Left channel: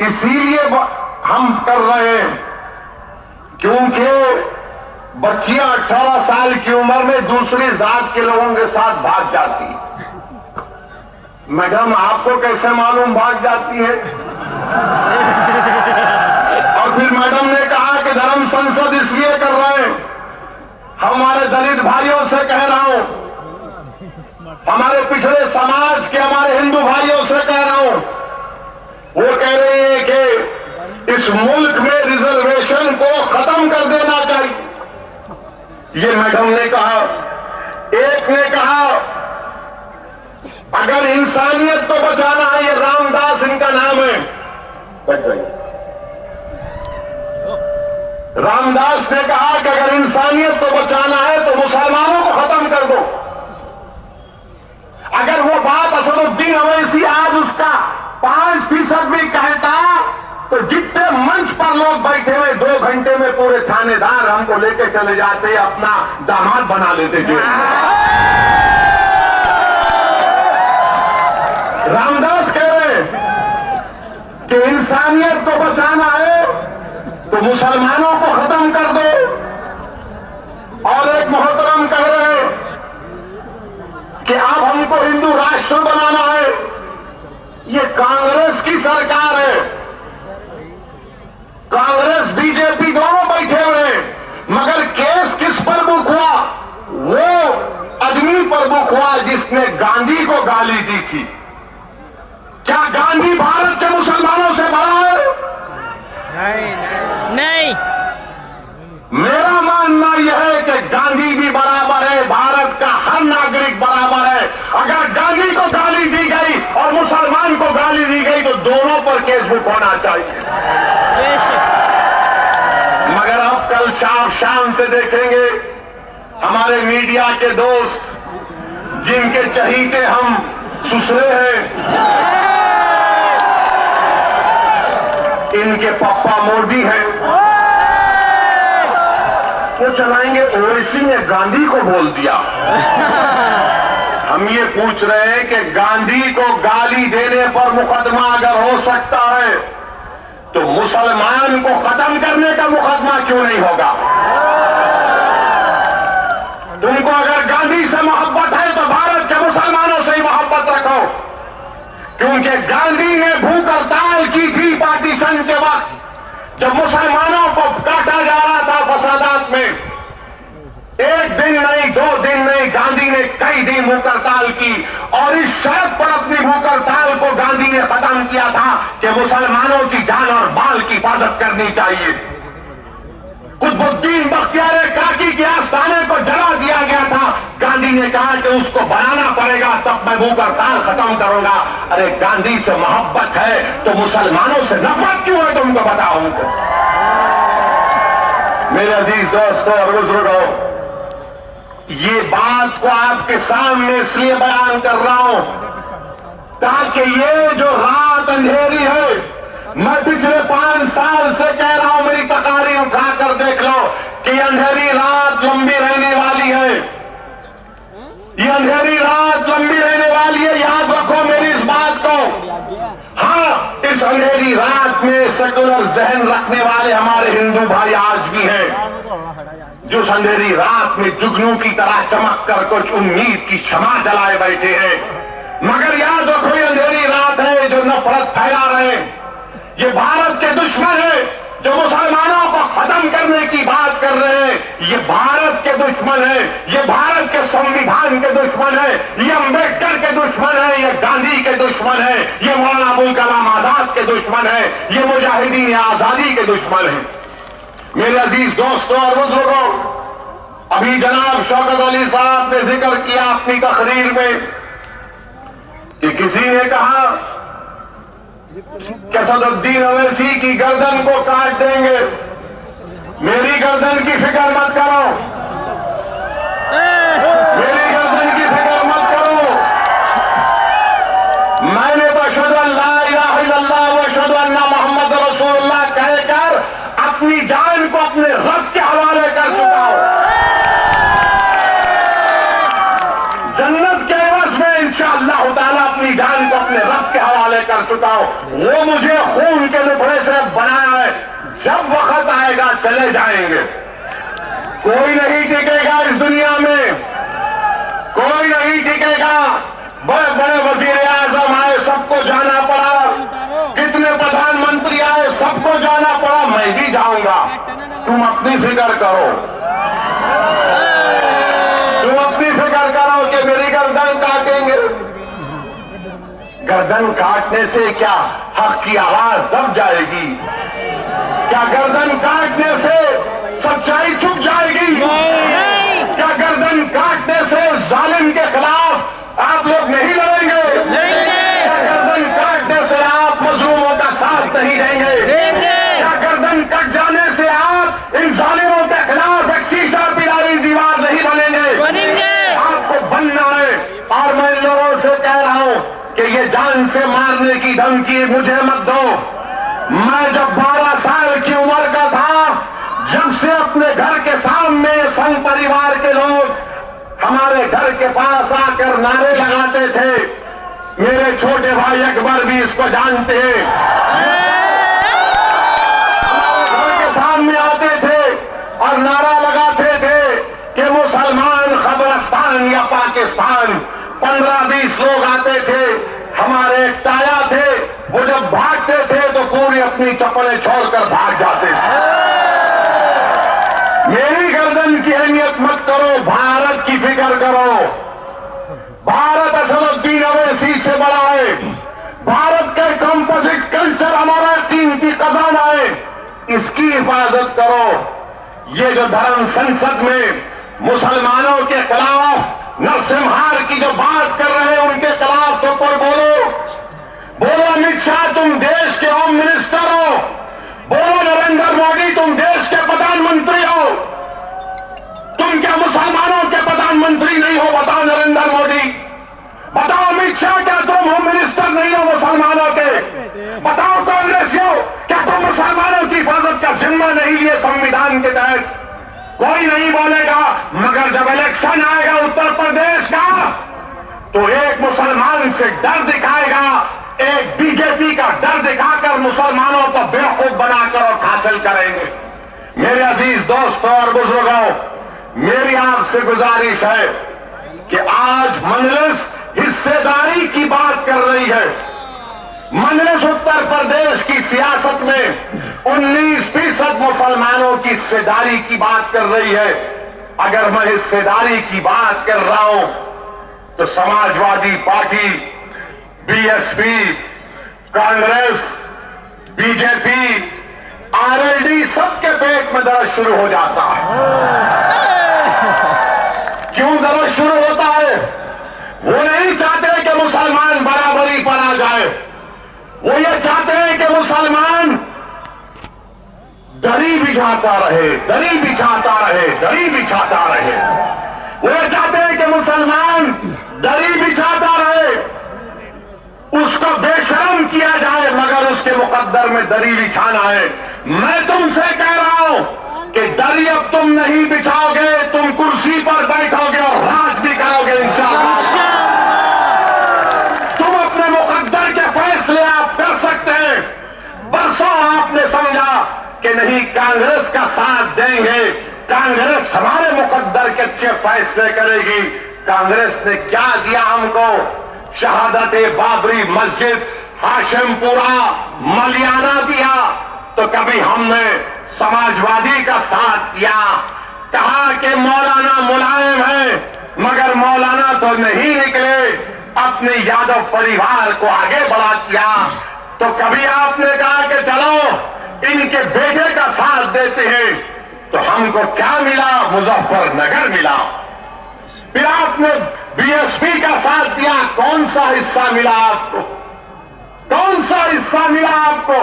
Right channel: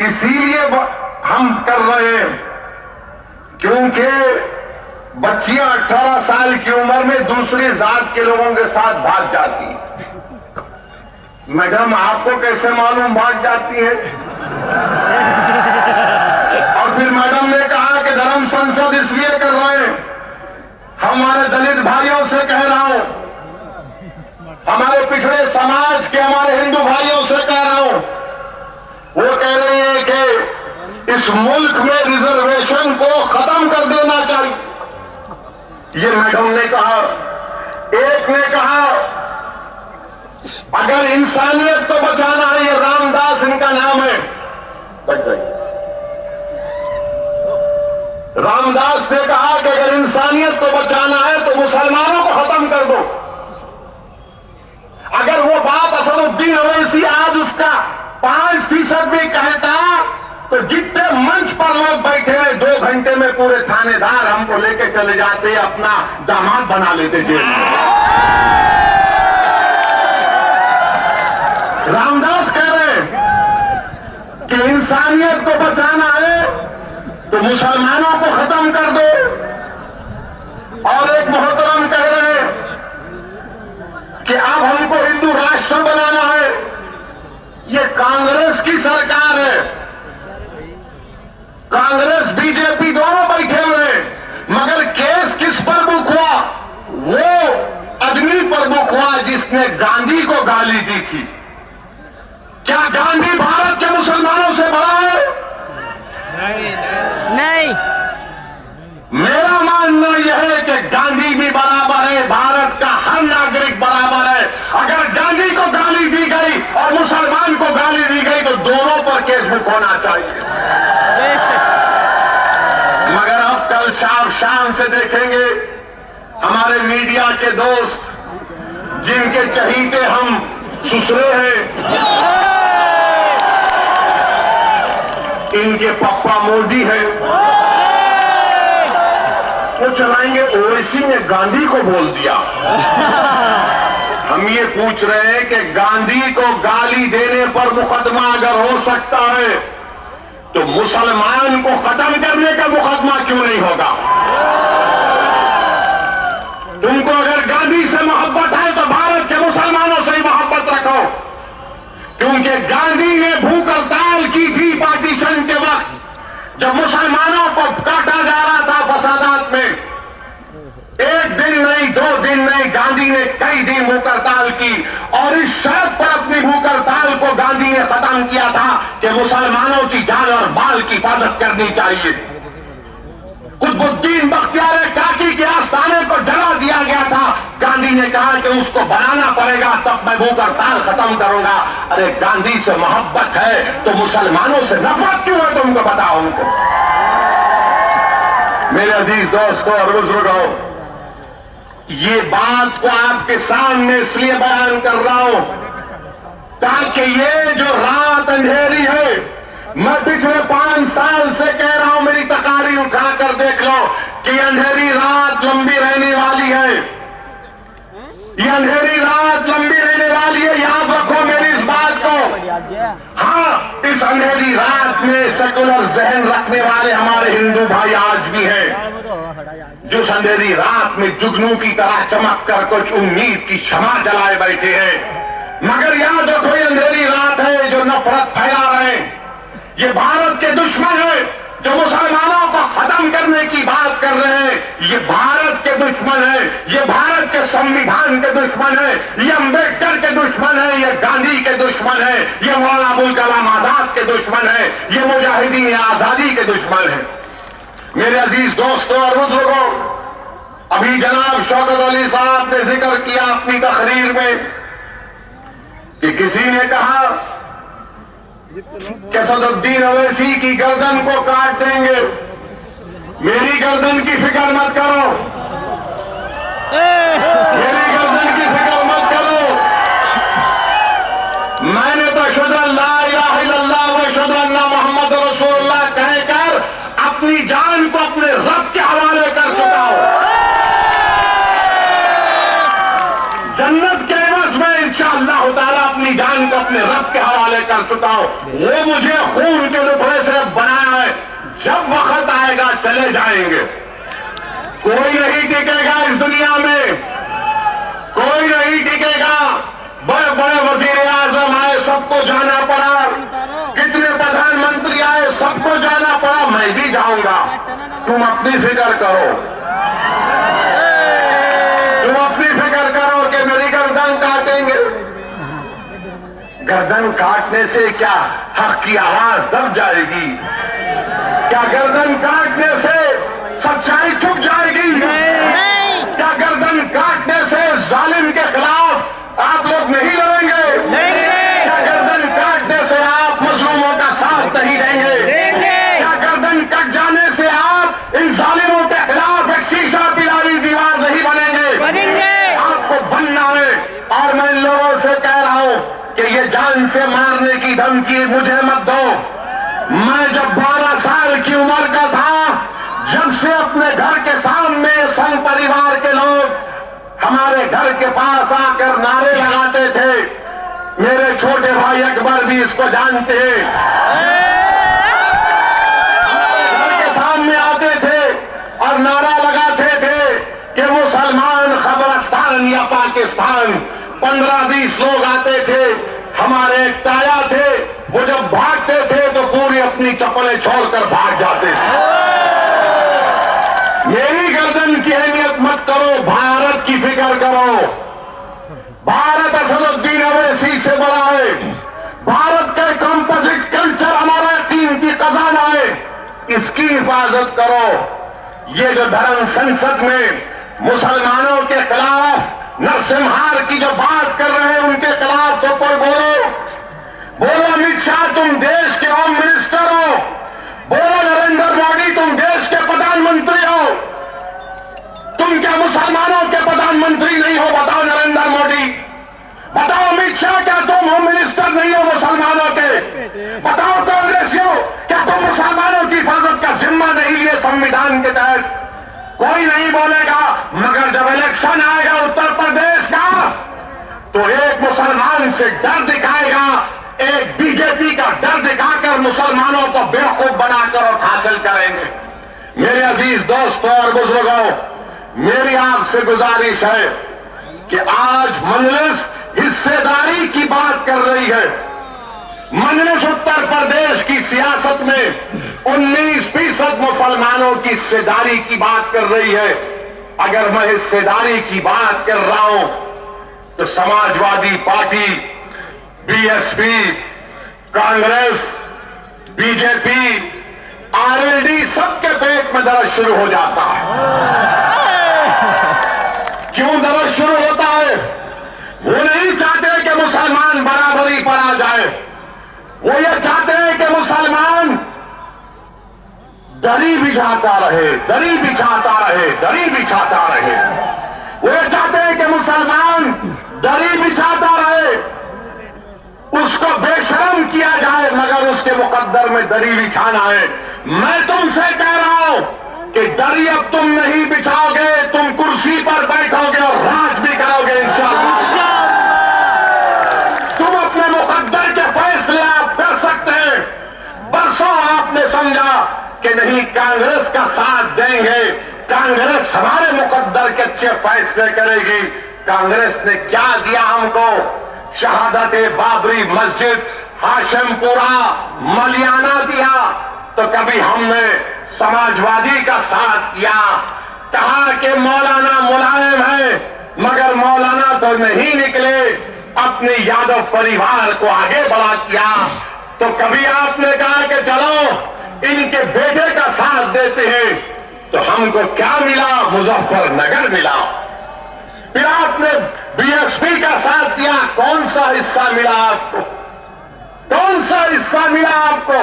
इसीलिए हम कर रहे हैं क्योंकि बच्चियां 18 साल की उम्र में दूसरी जात के लोगों के साथ भाग जाती है। मैडम आपको कैसे मालूम भाग जाती है? और फिर मैडम ने कहा कि धर्म संसद इसलिए कर रहे हैं, हमारे दलित भाइयों से कह रहा हूं, हमारे पिछड़े समाज के हमारे हिंदू भाइयों से कह रहा हूं, वो कह रहे हैं कि इस मुल्क में रिजर्वेशन को खत्म कर देना चाहिए। ये मैडम ने कहा। एक ने कहा अगर इंसानियत को बचाना है, ये रामदास इनका नाम है, बच जाइए। रामदास ने कहा कि अगर इंसानियत को बचाना है तो मुसलमानों को खत्म कर दो। अगर वो बात असदुद्दीन ओवैसी आज उसका 5% भी कहता तो जितने मंच पर लोग बैठे हुए 2 घंटे में पूरे थानेदार हमको लेके चले जाते, अपना दामाद बना लेते थे। रामदास कह रहे कि इंसानियत को बचाना है तो मुसलमानों को खत्म कर दो। और एक मोहतरम कह रहे हैं कि अब हमको हिंदू राष्ट्र बनाना है। ये कांग्रेस की सरकार है, कांग्रेस बीजेपी दोनों बैठे हुए हैं, मगर केस किस पर बुक हुआ? वो आदमी पर बुक हुआ जिसने गांधी को गाली दी थी। क्या गांधी भारत के मुसलमानों से बड़ा है? नहीं। मेरा मानना यह है कि गांधी भी बराबर है, भारत का हर नागरिक बराबर है। अगर गांधी को गाली दी गई और मुसलमान को गाली दी गई तो दोनों पर केस बुक होना चाहिए। मगर आप कल शाम से देखेंगे हमारे मीडिया के दोस्त जिनके चहीते हम सुसरे हैं, इनके पप्पा मोदी है, वो चलाएंगे ओवैसी ने गांधी को बोल दिया। हम ये पूछ रहे हैं कि गांधी को गाली देने पर मुकदमा अगर हो सकता है तो मुसलमान को खत्म करने का मुकदमा क्यों नहीं होगा? तुमको अगर गांधी से मोहब्बत है तो भारत के मुसलमानों से ही मोहब्बत रखो, क्योंकि गांधी ने भूख हड़ताल की थी पार्टीशन के वक्त, जब मुसलमानों को काटा जा रहा था फसादात में। 1 दिन नहीं, 2 दिन नहीं, गांधी ने कई दिन भूख हड़ताल की और इस शर्त पर अपनी भूख हड़ताल को गांधी ने खत्म किया था कि मुसलमानों की जान और माल की हिफाजत करनी चाहिए। कुतुबुद्दीन बख्तियार काकी के आस्थाने पर जला दिया गया था, गांधी ने कहा कि उसको बनाना पड़ेगा तब मैं भूख हड़ताल खत्म करूंगा। अरे गांधी से मोहब्बत है तो मुसलमानों से नफरत क्यों है? तुमको बताओ उनको। मेरे अजीज दोस्तों और बुजुर्गों, ये बात को आपके सामने इसलिए बयान कर रहा हूं ताकि ये जो रात अंधेरी है, मैं पिछले 5 साल से कह रहा हूं, मेरी तकारीर उठाकर देख लो कि अंधेरी रात लंबी रहने वाली है। ये अंधेरी रात लंबी रहने वाली है, याद रखो मेरी इस बात को। हाँ, इस अंधेरी रात में सेकुलर जहन रखने वाले हमारे हिंदू भाई आज भी हैं, जो अंधेरी रात में जुगनू की तरह चमक कर कुछ उम्मीद की शमा जलाए बैठे हैं। मगर याद रखो ये अंधेरी रात है जो नफरत फैला रहे हैं, ये भारत के दुश्मन है जो मुसलमानों को खत्म करने की बात कर रहे हैं। ये भारत के दुश्मन है, ये भारत के संविधान के दुश्मन है, ये अंबेडकर के दुश्मन है, ये गांधी के दुश्मन है, ये मौलाना अबुल कलाम आजाद के दुश्मन है, ये मुजाहिदीन आजादी के दुश्मन है। मेरे अजीज दोस्तों और बुजुर्गों, अभी जनाब शौकत अली साहब ने जिक्र किया अपनी तकरीर में कि किसी ने कहा कि असदुद्दीन ओवैसी की गर्दन को काट देंगे। मेरी गर्दन की फिक्र मत करो, मेरी गर्दन की फिक्र मत करो। मैंने तो अशहदु अल्ला इलाहा इल्लल्लाह व अशहदु अन्ना मुहम्मद रसूलुल्लाह कहकर अपनी जान को अपने रब के हवाले कर चुका हूं। जन्नत के एवज में इंशाअल्लाह अल्लाह ताला अपनी जान को अपने रब के हवाले कर चुका हो। वो मुझे खून के टुकड़े से बनाया है, जब वक्त आएगा चले जाएंगे। कोई नहीं टिकेगा इस दुनिया में, कोई नहीं टिकेगा। बड़े बड़े वजीर आजम आए, सबको जाना पड़ा, कितने प्रधानमंत्री आए, सबको जाना पड़ा, मैं भी जाऊंगा। तुम अपनी फिक्र करो, तुम अपनी फिक्र करो कि मेरी गर्दन काटेंगे। गर्दन काटने से क्या हक की आवाज दब जाएगी? क्या गर्दन काटने से सच्चाई छुप जाएगी? नहीं। क्या गर्दन काटने से जालिम के खिलाफ आप लोग नहीं लड़ेंगे? क्या गर्दन काटने से आप मजलूमों का साथ नहीं देंगे? क्या गर्दन कट जाने से आप इन जालिमों के खिलाफ एक शीशा पिलानी दीवार नहीं बनेंगे? आपको बनना है। और मैं लोगों से कह रहा हूं कि ये जान से मारने की धमकी मुझे मत दो। मैं जब 12 साल की उम्र का था, जब से अपने घर के सामने संघ परिवार के लोग हमारे घर के पास आकर नारे लगाते थे, मेरे छोटे भाई अकबर भी इसको जानते हैं, हमारे घर के सामने आते थे और नारा लगाते थे कि मुसलमान खबरस्तान या पाकिस्तान। 15-20 लोग आते थे, हमारे एक ताया थे, वो जब भागते थे तो पूरी अपनी चप्पलें छोड़कर भाग जाते थे। मेरी गर्दन की अहमियत मत करो, भारत की फिक्र करो। भारत असदुद्दीन अवैसी से बड़ा है, भारत का कंपोजिट कल्चर हमारा कीमती खजाना है, इसकी हिफाजत करो। ये जो धर्म संसद में मुसलमानों के खिलाफ नरसिम्हार की जो बात कर रहे हैं, उनके खिलाफ तो कोई बोलो अमित शाह तुम देश के होम मिनिस्टर हो, बोलो नरेंद्र मोदी तुम देश के प्रधानमंत्री हो, तुम क्या मुसलमानों के प्रधानमंत्री नहीं हो? बताओ नरेंद्र मोदी, बताओ अमित शाह, क्या तुम होम मिनिस्टर नहीं हो मुसलमानों के? बताओ कांग्रेसियों, क्या तुम मुसलमानों की हिफाजत का जिम्मा नहीं लिए संविधान के तहत? कोई नहीं बोलेगा। मगर जब इलेक्शन आएगा उत्तर प्रदेश का, तो एक मुसलमान से डर दिखाएगा, एक बीजेपी का डर दिखाकर मुसलमानों को बेवकूफ बनाकर और हासिल करेंगे। मेरे अजीज दोस्तों और बुजुर्गों, मेरी आपसे गुजारिश है कि आज मजलिस हिस्सेदारी की बात कर रही है। मजलिस उत्तर प्रदेश की सियासत में 19% मुसलमानों की हिस्सेदारी की बात कर रही है। अगर मैं हिस्सेदारी की बात कर रहा हूं तो Samajwadi party, BSP, Congress, BJP, RLD सबके पेट में दर्द शुरू हो जाता है। क्यों दर्द शुरू होता है? वो नहीं चाहते कि मुसलमान बराबरी पर आ जाए, वो ये चाहते हैं कि मुसलमान दरी बिछाता रहे, दरी बिछाता रहे, दरी बिछाता रहे। वो ये चाहते हैं कि मुसलमान दरी बिछाता रहे, उसको बेशर्म किया जाए, मगर उसके मुकद्दर में दरी बिछाना है। मैं तुमसे कह रहा हूं कि दरी अब तुम नहीं बिछाओगे, तुम कुर्सी पर बैठोगे और राज भी करोगे इंशाअल्लाह। तुम अपने मुकद्दर के फैसले आप कर सकते हैं। बरसों आपने समझा कि नहीं कांग्रेस का साथ देंगे, कांग्रेस हमारे मुकद्दर के अच्छे फैसले करेगी। कांग्रेस ने क्या दिया हमको? शहादत बाबरी मस्जिद, हाशिमपुरा, मलियाना दिया। तो कभी हमने समाजवादी का साथ दिया, कहा कि मौलाना मुलायम है, मगर मौलाना तो नहीं निकले, अपने यादव परिवार को आगे बढ़ा किया। तो कभी आपने कहा कि चलो इनके बेटे का साथ देते हैं, तो हमको क्या मिला? मुजफ्फरनगर मिला। फिर आपने बीएसपी का साथ दिया, कौन सा हिस्सा मिला आपको? कौन सा हिस्सा मिला आपको?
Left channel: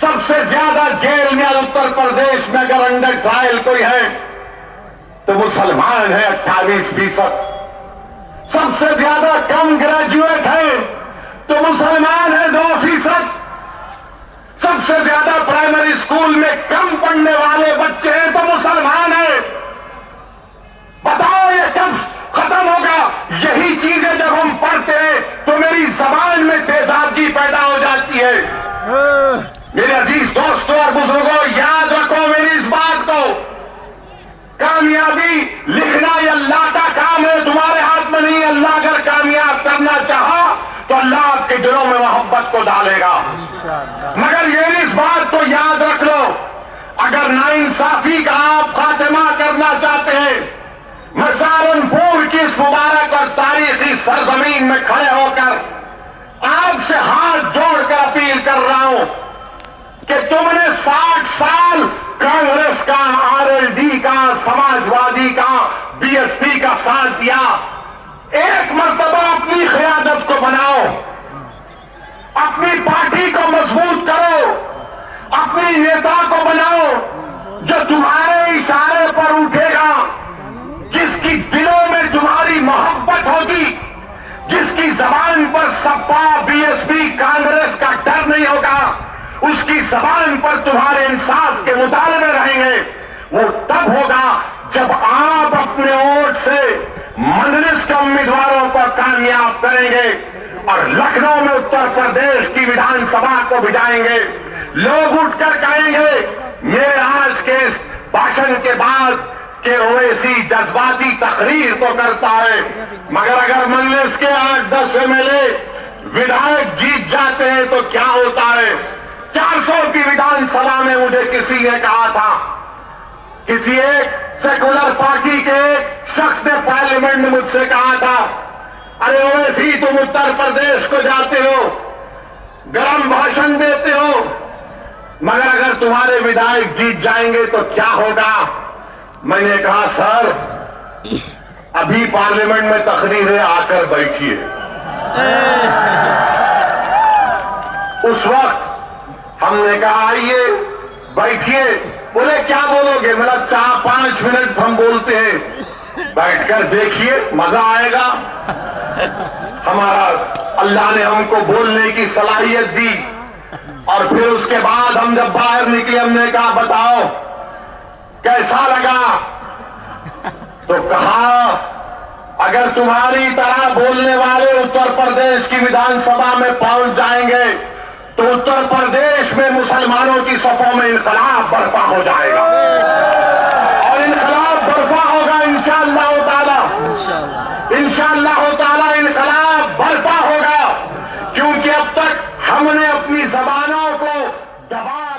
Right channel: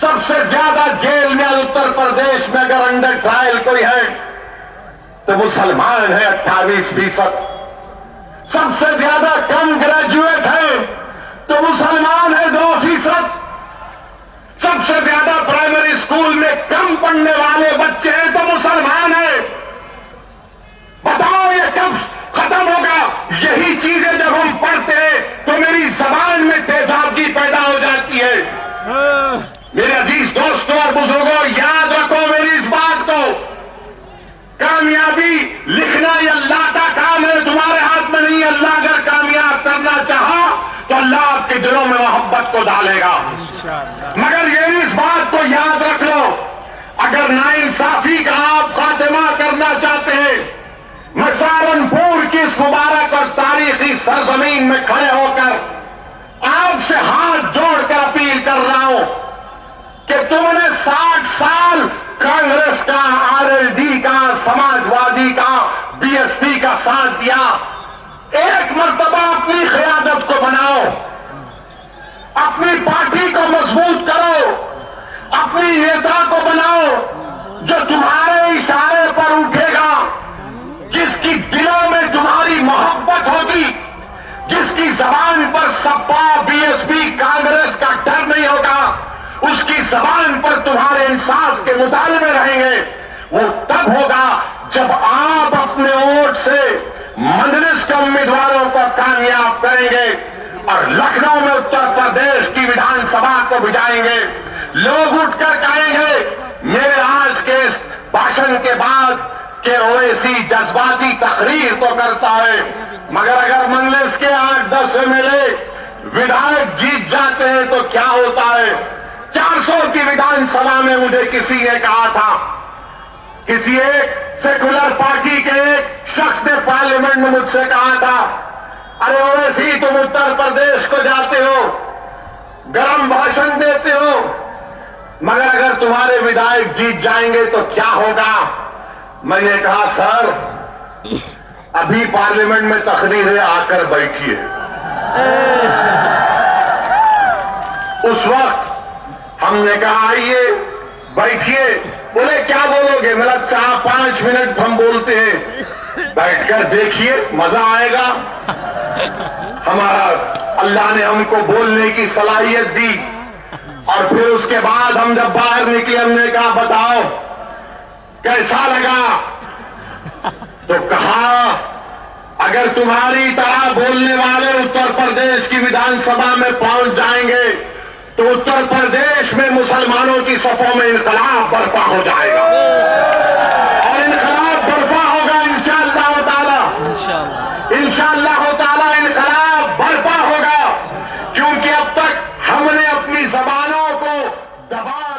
सबसे ज्यादा जेल में उत्तर प्रदेश में अगर अंडर ट्रायल कोई है तो मुसलमान है 28%। सबसे ज्यादा कम ग्रेजुएट है तो मुसलमान है 2%। सबसे ज्यादा प्राइमरी स्कूल में कम पढ़ने वाले बच्चे हैं तो मुसलमान है। बताओ ये कब खत्म होगा। यही चीजें जब हम पढ़ते हैं तो मेरी जबान में तेजाबी पैदा हो जाती है। मेरे अजीज दोस्तों और बुजुर्गों, याद रखो मेरी इस बात को, कामयाबी लिखना ये अल्लाह का काम है, तुम्हारे हाथ में नहीं। अल्लाह अगर कामयाब करना चाहा तो अल्लाह आपके दिलों में मोहब्बत को डालेगा। मगर ये इस बात को याद रख लो, अगर नाइंसाफी का आप खात्मा करना चाहते हैं, मैं सहारनपुर की इस मुबारक और तारीखी सरजमीन में खड़े होकर आपसे हाथ जोड़कर अपील कर रहा हूं कि तुमने 60 साल कांग्रेस का, आरएलडी का, समाजवादी का, बीएसपी का साथ दिया। एक मर्तबा अपनी क़यादत को बनाओ, अपनी पार्टी को मजबूत करो, अपनी नेता को बनाओ जो तुम्हारे इशारे पर उठेगा, जिसकी दिलों में तुम्हारी मोहब्बत होगी, जिसकी जबान पर सपा, बीएसपी, कांग्रेस का डर नहीं होगा, उसकी जबान पर तुम्हारे इंसाफ के मुतालबे रहेंगे। वो तब होगा जब आप अपने वोट से मजलिस के उम्मीदवारों को कामयाब करेंगे और लखनऊ में उत्तर प्रदेश की विधानसभा को भिजाएंगे। लोग उठकर कहेंगे, मेरे आज के इस भाषण के बाद कि ओवैसी जज्बाती तकरीर तो करता है, मगर अगर मजलिस के 8-10 एमएलए विधायक जीत जाते हैं तो क्या होता है। 400 की विधानसभा में मुझे किसी ने कहा था, किसी एक सेकुलर पार्टी के एक शख्स ने पार्लियामेंट में मुझसे कहा था, अरे ओवैसी तुम उत्तर प्रदेश को जाते हो, गरम भाषण देते हो, मगर अगर तुम्हारे विधायक जीत जाएंगे तो क्या होगा। मैंने कहा, सर अभी पार्लियामेंट में तकरीरें आकर बैठिए। उस वक्त हमने कहा आइए बैठिए। बोले क्या बोलोगे? मतलब 4-5 मिनट हम बोलते हैं, बैठकर देखिए मजा आएगा। हमारा अल्लाह ने हमको बोलने की सलाहियत दी और फिर उसके बाद हम जब बाहर निकले हमने कहा बताओ कैसा लगा? तो कहा अगर तुम्हारी तरह बोलने वाले उत्तर प्रदेश की विधानसभा में पहुंच जाएंगे तो उत्तर प्रदेश में मुसलमानों की सफों में इनकलाब बर्पा हो जाएगा और इनकलाब बर्पा होगा इंशाअल्लाह ताला। इंशाअल्लाह ताला इनकलाब बर्पा होगा, क्योंकि अब तक हमने अपनी जबानों को दबा